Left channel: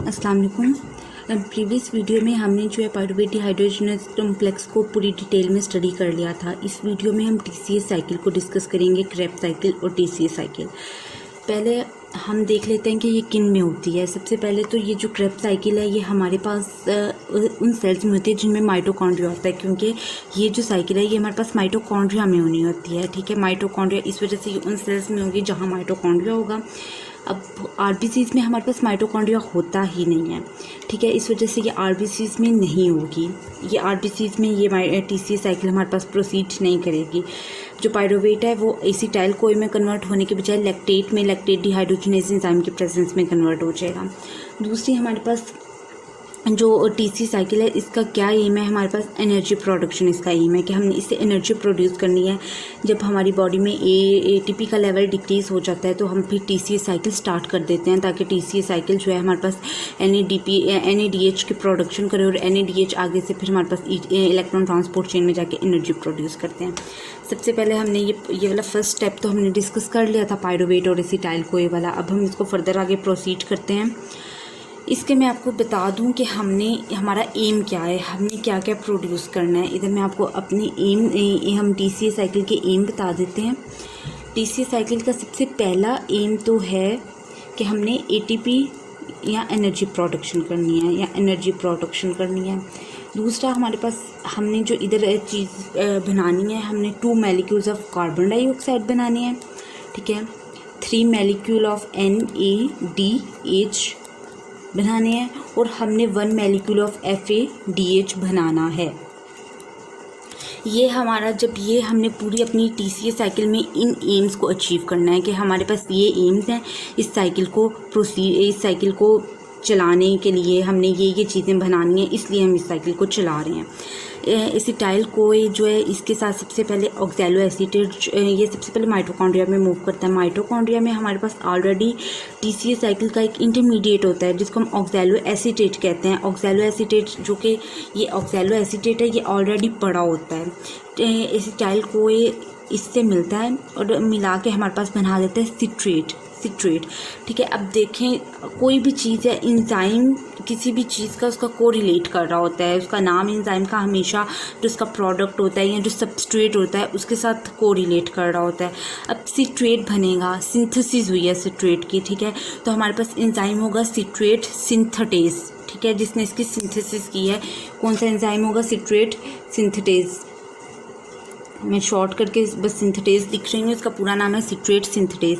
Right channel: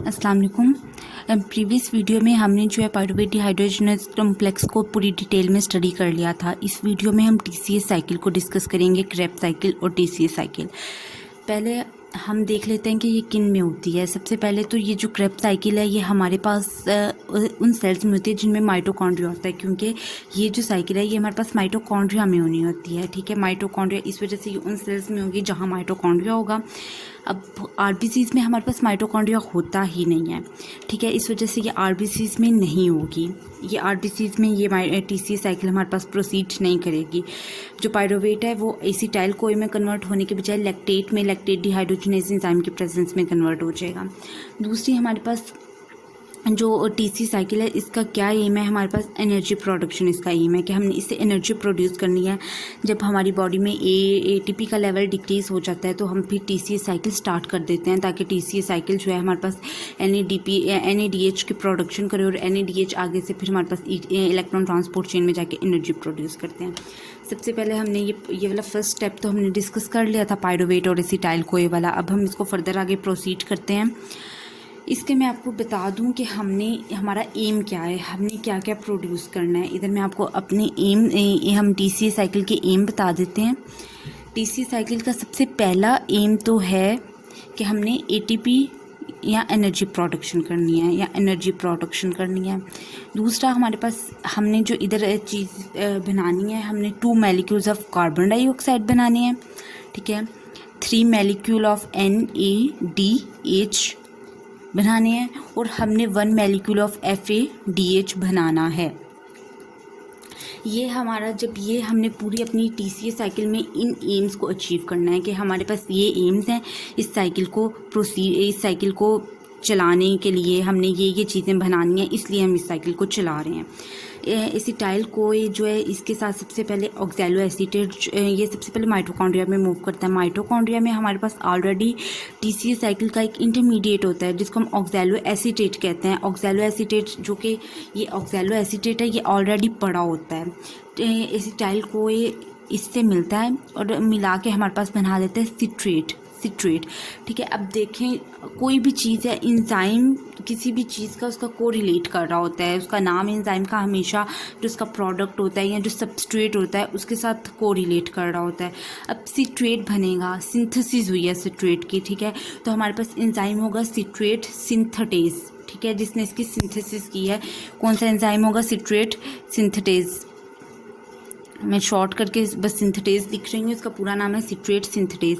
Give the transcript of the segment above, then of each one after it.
अस्सलाम वालेकुम। Previous video में हमने जो है पायरुवेट डिहाइड्रोजनेस कॉम्प्लेक्स को पूरी डिटेल में स्टडी कर लिया था। इस वीडियो में हम टीसीएस साइकिल को डिस्कस करेंगे, क्रेब्स साइकिल और टीसीएस साइकिल। पहले हम देख लेते हैं कि ये किन में होती है। सबसे पहले तो ये जो क्रेब्स साइकिल है ये हमारे पास उन सेल्स में होती है जिनमें माइटोकॉन्ड्रिया होता है, क्योंकि ये जो साइकिल है ये हमारे पास माइटोकॉन्ड्रिया में होनी होती है। ठीक है, माइटोकॉन्ड्रिया इस वजह से ये उन सेल्स में होगी जहाँ माइटोकॉन्ड्रिया होगा। अब आरबीसीज में हमारे पास माइटोकॉन्ड्रिया होता ही नहीं है। ठीक है, इस वजह से ये आरबीसीज में नहीं होगी। ये आरबीसीज में ये टीसीएस साइकिल हमारे पास प्रोसीड नहीं करेगी। जो पायरुवेट है वो एसिटाइल कोई में कन्वर्ट होने के बजाय लैक्टेट में, लैक्टेट डिहाइड्रोजनेज एंजाइम के प्रेजेंस में कन्वर्ट हो जाएगा। दूसरी हमारे पास जो टीसी साइकिल है इसका क्या एम है, हमारे पास एनर्जी प्रोडक्शन इसका एम है कि हमने इससे एनर्जी प्रोड्यूस करनी है। जब हमारी बॉडी में एटीपी का लेवल डिक्रीज़ हो जाता है तो हम फिर टीसी साइकिल स्टार्ट कर देते हैं, ताकि टीसी साइकिल जो है हमारे पास एनएडीएच की प्रोडक्शन करे और एनएडीएच आगे से फिर हमारे पास इलेक्ट्रॉन ट्रांसपोर्ट चेन में जाके एनर्जी प्रोड्यूस करते हैं। सबसे पहले हमने ये वाला फर्स्ट स्टेप तो हमने डिस्कस कर लिया था, पायरुवेट और एसिटाइल कोए वाला। अब हम इसको फर्दर आगे प्रोसीड करते हैं। इसके मैं आपको बता दूं कि हमारा एम क्या है, हमने क्या क्या प्रोड्यूस करना है। इधर मैं आपको अपने हम टीसीएस साइकिल के एम बता देते हैं। टीसीएस साइकिल का सबसे पहला एम तो है कि हमने एटीपी या एनर्जी प्रोडक्शन करनी है दूसरा हमारे पास हमने जो इधर चीज़ बनानी है, हमने 2 मॉलिक्यूल्स ऑफ कार्बन डाइऑक्साइड बनानी है। ठीक है, 3 मॉलिक्यूल ऑफ NADH बनाने हैं और हमने 1 मॉलिक्यूल ऑफ FADH बनाना है। ये हमारा ये हमने पूरी अपनी टीसीएस साइकिल में इन एम्स को अचीव करना है कि हमारे पास ये एम्स हैं। इस साइकिल को चलाने के लिए हमने ये चीज़ें बनानी है, इसलिए हम इस साइकिल को चला रहे हैं। एसिटाइल कोए जो है इसके साथ सबसे पहले ऑक्सैलो एसीटेट, ये सबसे पहले माइटोकॉन्ड्रिया में मूव करता है। माइटोकॉन्ड्रिया में हमारे पास ऑलरेडी टीसीएस साइकिल का एक इंटरमीडिएट होता है जिसको हम ऑक्सैलो एसीटेट कहते हैं। ऑक्सैलो एसीटेट जो कि ये ऑक्सैलो एसीटेट है ये ऑलरेडी पड़ा होता है। एसिटाइल कोए इससे मिलता है और मिला के हमारे पास बना देता है सिट्रेट। ठीक है, अब देखें कोई भी चीज़ है, एंजाइम किसी भी चीज़ का उसका कोरिलेट कर रहा होता है। उसका नाम एंजाइम का हमेशा जो उसका प्रोडक्ट होता है या जो सबस्ट्रेट होता है उसके साथ कोरिलेट कर रहा होता है। अब सिट्रेट बनेगा, सिंथेसिस हुई है सिट्रेट की। ठीक है, तो हमारे पास एंजाइम होगा सिट्रेट सिंथेटेज। ठीक है, जिसने इसकी सिंथेसिस की है। कौन सा एंजाइम होगा? Citrate synthetase. मैं शॉर्ट करके बस सिंथेटेज लिख रही हूँ, इसका पूरा नाम है सिट्रेट सिंथेटेज।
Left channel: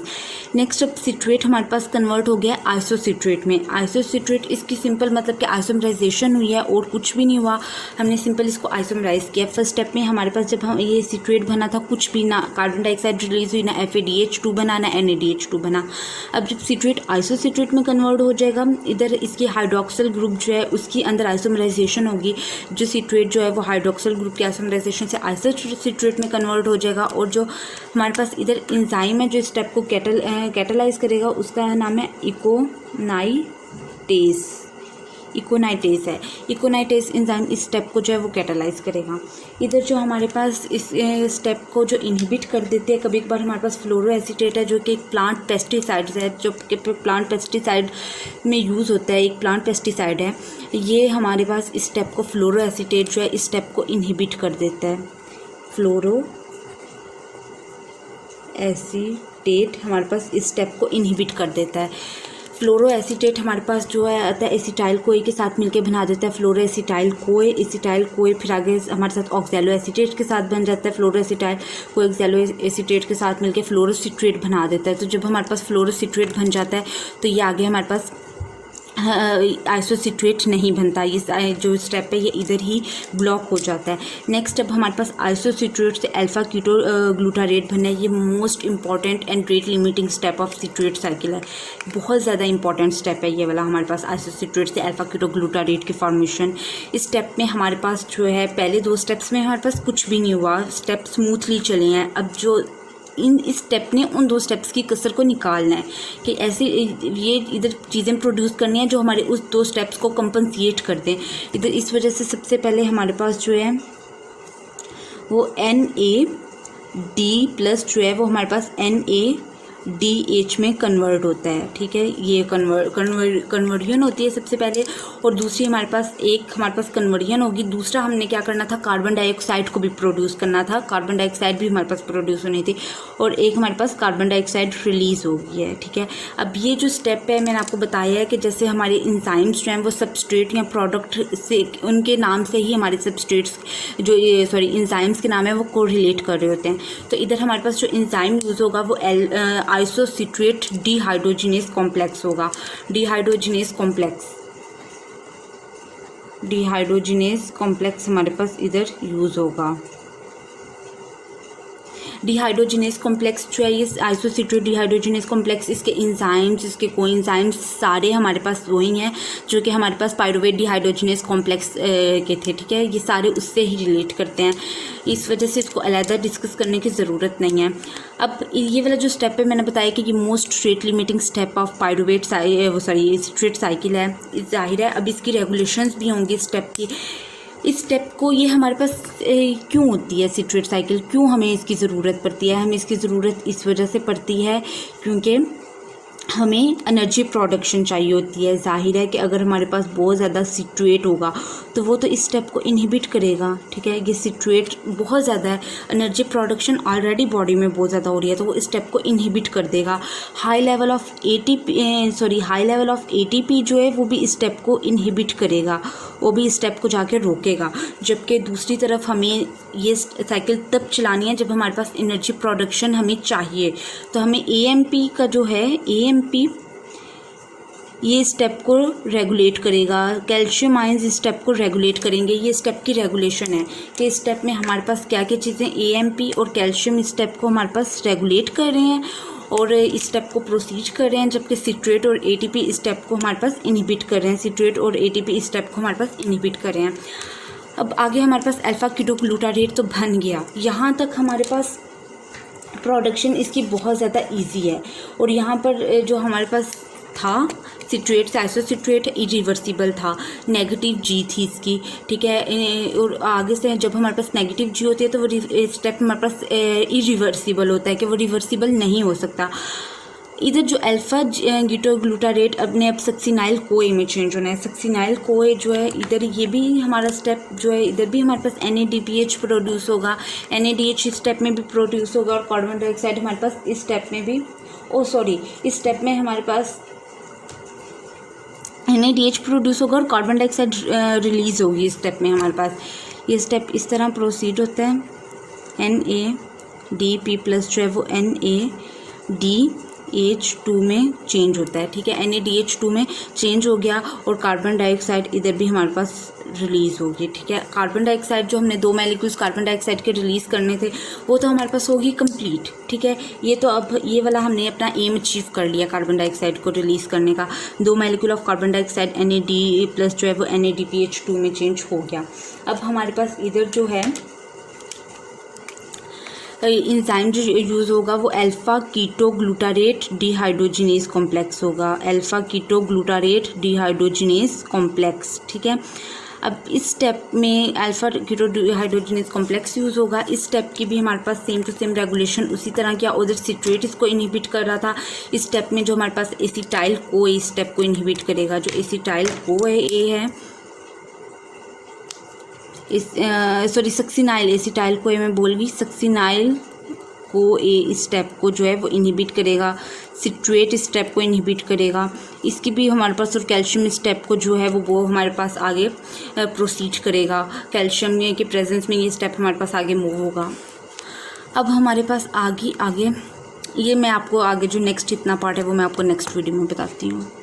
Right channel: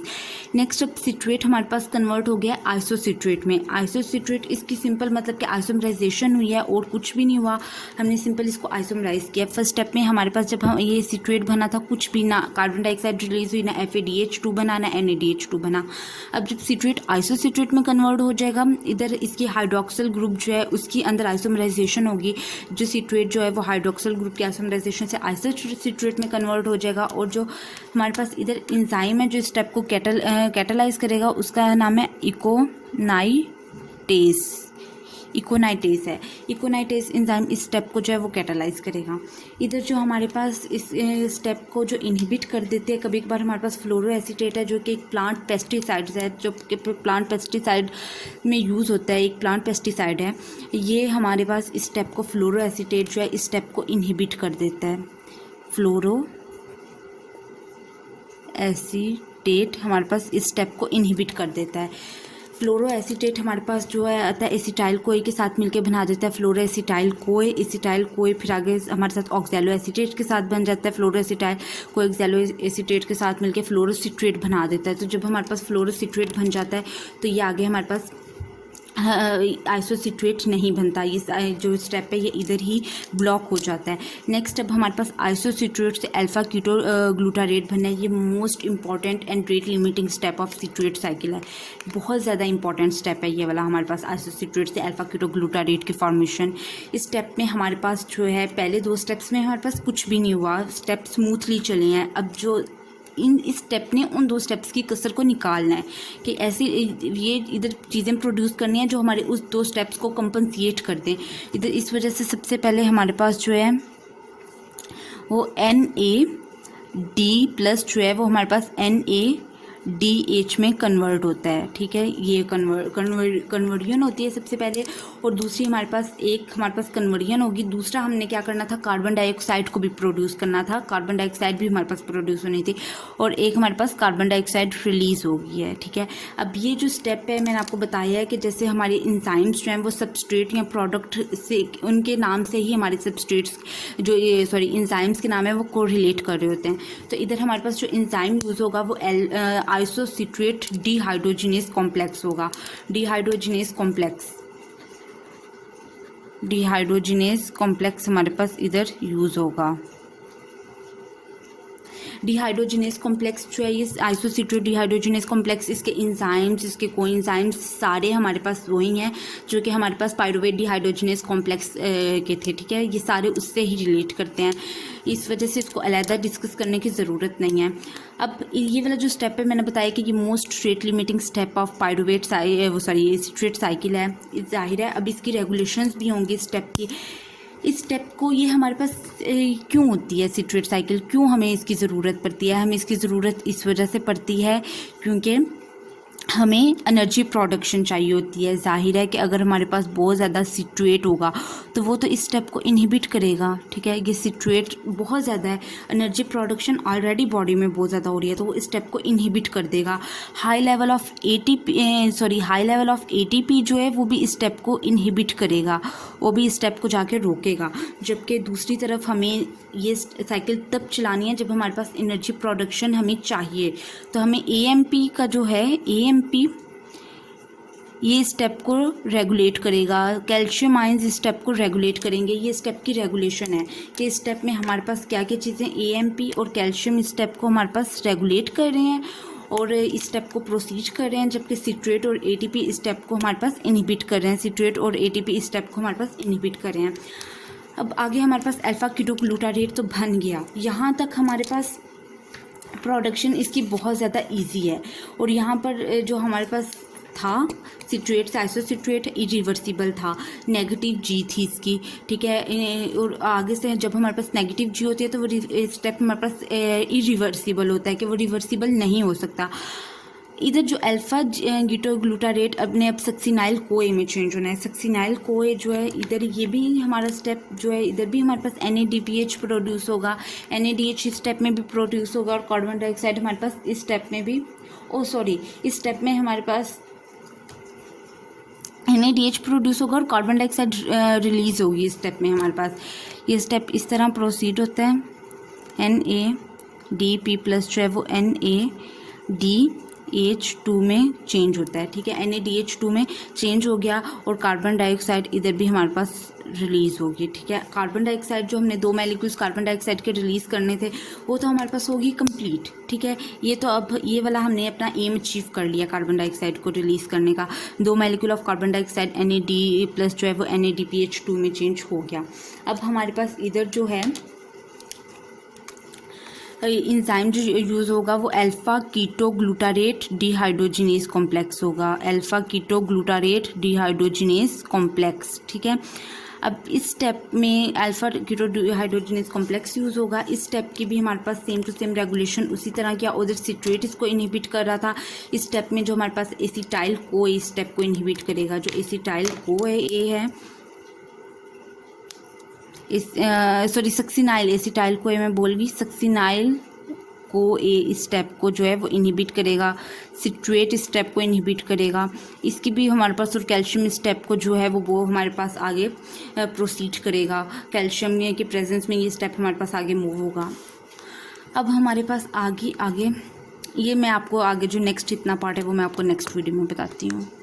नेक्स्ट अब सिट्रेट हमारे पास कन्वर्ट हो गया आइसोसिट्रेट में। आइसोसिट्रेट इसकी सिंपल मतलब कि आइसोमराइजेशन हुई है और कुछ भी नहीं हुआ, हमने सिंपल इसको आइसोमराइज किया। फर्स्ट स्टेप में हमारे पास जब हम ये सिट्रेट बना था कुछ भी ना कार्बन डाइऑक्साइड रिलीज हुई, ना FADH2 बना, ना NADH2 बना। अब जब सिट्रेट आइसोसिट्रेट में कन्वर्ट हो जाएगा, इधर इसकी हाइड्रोक्सिल ग्रुप जो है उसकी अंदर आइसोमराइजेशन होगी। जो सिट्रेट जो है वो हाइड्रोक्सिल ग्रुप की आइसोमराइजेशन से आइसोसिट्रेट में कन्वर्ट हो जाएगा और जो हमारे पास इधर एंजाइम है जो स्टेप को कैटालाइज करेगा उसका नाम है इकोनाइटेस है। इकोनाइटेस एंजाइम इस स्टेप को जो है वो कैटालाइज करेगा। इधर जो हमारे पास इस स्टेप को जो इनहिबिट कर देते हैं, कभी कभार हमारे पास फ्लोरो एसीटेट है जो कि एक प्लांट पेस्टिसाइड है, जो कि प्लांट पेस्टिसाइड में यूज़ होता है, एक प्लांट पेस्टिसाइड है। ये हमारे पास इस स्टेप को फ्लोरो एसीटेट जो है इस स्टेप को इनहिबिट कर देता है। फ्लोरो एसीटेट हमारे पास इस स्टेप को इनहिबिट कर देता है। फ्लोरो एसीटेट हमारे पास जो है आता है एसिटाइल कोए के साथ मिलके बना देता है फ्लोरो एसिटाइल कोए फिर आगे हमारे साथ ऑक्सैलो एसीटेट के साथ बन जाता है। फ्लोरो एसिटाइल कोए ऑक्सैलो एसीटेट के साथ मिलके फ्लोरोसिट्रेट बना देता है। तो जब हमारे पास फ्लोरोसिट्रेट बन जाता है तो ये आगे हमारे पास आइसोसिट्रेट नहीं बनता। ये जो स्टेप है ये इधर ही ब्लॉक हो जाता है। नेक्स्ट अब हमारे पास आइसोसिट्रेट से अल्फा कीटो ग्लूटारेट बनना है। ये most important and rate limiting step of citrate cycle है। बहुत ज़्यादा इंपॉर्टेंट स्टेप है ये वाला हमारे पास, आइसोसिट्रेट से अल्फा कीटो ग्लूटारेट की फॉर्मेशन। इस स्टेप में हमारे पास जो है पहले 2 स्टेप्स में हमारे पास कुछ भी नहीं हुआ, स्टेप स्मूथली चले हैं। अब जो इस स्टेप ने उन 2 स्टेप्स की कसर को निकालना है कि ऐसे ये इधर चीज़ें प्रोड्यूस करनी है जो हमारे उस 2 स्टेप्स को कंपनसेट कर दें इधर। इस वजह से सबसे पहले हमारे पास जो है वो NAD+ जो है वो हमारे पास DH में कन्वर्ट होता है, ठीक है। ये कन्वर्जन होती है सबसे पहले, और दूसरी हमारे पास कन्वर्जन होगी। दूसरा हमने क्या करना था, कार्बन डाइऑक्साइड को भी प्रोड्यूस करना था, कार्बन डाइऑक्साइड भी हमारे पास प्रोड्यूस होनी थी, और एक हमारे पास कार्बन डाइऑक्साइड रिलीज़ हो गई है, ठीक है। अब ये जो स्टेप है मैंने आपको बताया है कि जैसे हमारे इंजाइम्स जो हैं वो सबस्ट्रेट या प्रोडक्ट से, उनके नाम से ही हमारे सबस्ट्रेट्स जो इंजाइम्स के नाम है वो कोरिलेट कर रहे होते हैं। तो इधर हमारे पास जो इंजाइम यूज़ होगा वो आइसोसिट्रेट डिहाइड्रोजिनेस कॉम्प्लेक्स होगा। डिहाइड्रोजिनेस कॉम्प्लेक्स हमारे पास इधर यूज़ होगा। डिहाइड्रोजिनेस कॉम्प्लेक्स जो है, ये आइसोसिट्रेट डिहाइड्रोजिनेस कॉम्प्लेक्स, इसके इंजाइम्स, इसके कोएंजाइम्स सारे हमारे पास वही हैं जो कि हमारे पास पाइरुवेट डिहाइड्रोजिनेस कॉम्प्लेक्स के थे, ठीक है। ये सारे उससे ही रिलेट करते हैं, इस वजह से इसको अलहदा डिस्कस करने की ज़रूरत नहीं है। अब ये वाला जो स्टेप है मैंने बताया कि ये most rate limiting step of pyruvate citrate cycle है, जाहिर है। अब इसकी रेगुलेशंस भी होंगी स्टेप की। इस स्टेप को ये हमारे पास क्यों होती है सिट्रेट साइकिल, क्यों हमें इसकी ज़रूरत पड़ती है? हमें इसकी ज़रूरत इस वजह से पड़ती है क्योंकि हमें एनर्जी प्रोडक्शन चाहिए होती है। जाहिर है कि अगर हमारे पास बहुत ज़्यादा सिट्रेट होगा तो वो तो इस स्टेप को इनहिबिट करेगा, ठीक है। ये सिट्रेट बहुत ज़्यादा है, एनर्जी प्रोडक्शन ऑलरेडी बॉडी में बहुत ज़्यादा हो रही है, तो वो इस स्टेप को इनहिबिट कर देगा। हाई लेवल ऑफ एटीपी जो है वो भी इस स्टेप को इनहिबिट करेगा, वो भी इस स्टेप को जाके रोकेगा। जबकि दूसरी तरफ हमें ये साइकिल तब चलानी है जब हमारे पास एनर्जी प्रोडक्शन हमें चाहिए। तो हमें AMP का जो है, AMP ये स्टेप को रेगुलेट करेगा, कैल्शियम आयंस इस स्टेप को रेगुलेट करेंगे। ये स्टेप की रेगुलेशन है कि इस स्टेप में हमारे पास क्या क्या चीज़ें, AMP और कैल्शियम इस स्टेप को हमारे पास रेगुलेट कर रहे हैं और इस स्टेप को प्रोसीड कर रहे हैं, जबकि सिट्रेट और ATP इस स्टेप को हमारे पास इनहिबिट कर रहे हैं। सिट्रेट और ATP इस स्टेप को हमारे पास इनहिबिट कर रहे हैं। अब आगे हमारे पास अल्फ़ा कीटोग्लूटारेट तो बन गया, यहाँ तक हमारे पास प्रोडक्शन इसकी बहुत ज़्यादा इजी है। और यहाँ पर जो हमारे पास था सिट्रेट, आइसोसिट्रेट इरिवर्सिबल था, नेगेटिव G थी इसकी, ठीक है। और आगे से जब हमारे पास नेगेटिव G होती है तो वो स्टेप हमारे पास इरिवर्सिबल होता है कि वो रिवर्सिबल नहीं हो सकता। इधर जो अल्फ़ा कीटोग्लूटारेट अब सक्सिनाइल कोए में चेंज होना है। सक्सिनाइल कोए जो है इधर, ये भी हमारा स्टेप जो है, इधर भी हमारे पास NADPH प्रोड्यूस होगा, NADH इस स्टेप में भी प्रोड्यूस होगा, और कार्बन डाइऑक्साइड हमारे पास इस स्टेप में भी, इस स्टेप में हमारे पास NADH प्रोड्यूस होगा और कार्बन डाइऑक्साइड रिलीज़ होगी इस स्टेप में हमारे पास। ये स्टेप इस तरह प्रोसीड होता है, NADP प्लस जो है वो NADH2 में चेंज होता है, ठीक है। NADH2 में चेंज हो गया और कार्बन डाइऑक्साइड इधर भी हमारे पास रिलीज़ होगी, ठीक है। कार्बन डाइऑक्साइड जो हमने 2 मॉलिक्यूल्स कार्बन डाइऑक्साइड के रिलीज़ करने थे वो तो हमारे पास होगी कंप्लीट, ठीक है। ये तो अब ये वाला हमने अपना एम अचीव कर लिया कार्बन डाइऑक्साइड को रिलीज़ करने का। 2 molecule of carbon dioxide NAD plus जो है वो NADPH2 में चेंज हो गया। अब हमारे पास इधर जो है इंजाइम जो यूज़ होगा वो अल्फ़ा कीटोग्लूटारेट डिहाइड्रोजिनेस कॉम्प्लेक्स होगा, अल्फ़ा कीटोग्लूटारेट डिहाइड्रोजिनेस कॉम्प्लेक्स, ठीक है। अब इस स्टेप में अल्फ़ा कीटोहाइड्रोजिनेस कॉम्प्लेक्स यूज़ होगा। इस स्टेप की भी हमारे पास सेम टू सेम रेगुलेशन उसी तरह किया, उधर सिट्रेट इसको इनहिबिट कर रहा था। इस स्टेप में जो हमारे पास एसिटाइल को इस स्टेप को इनहिबिट करेगा, जो एसिटाइल को है सक्सिनाइल, एसिटाइल को मैं बोल गई, सक्सिनाइल को इस स्टेप को जो है वो इनहिबिट करेगा, सिट्रेट इस स्टेप को इनहिबिट करेगा। इसकी भी हमारे पास, और कैल्शियम इस स्टेप को जो है वो हमारे पास आगे प्रोसीड करेगा। कैल्शियम की प्रेजेंस में ये स्टेप हमारे पास आगे मूव होगा। अब हमारे पास आगे ये मैं आपको आगे जो नेक्स्ट इतना पार्ट है वो मैं आपको नेक्स्ट वीडियो में बताती हूँ।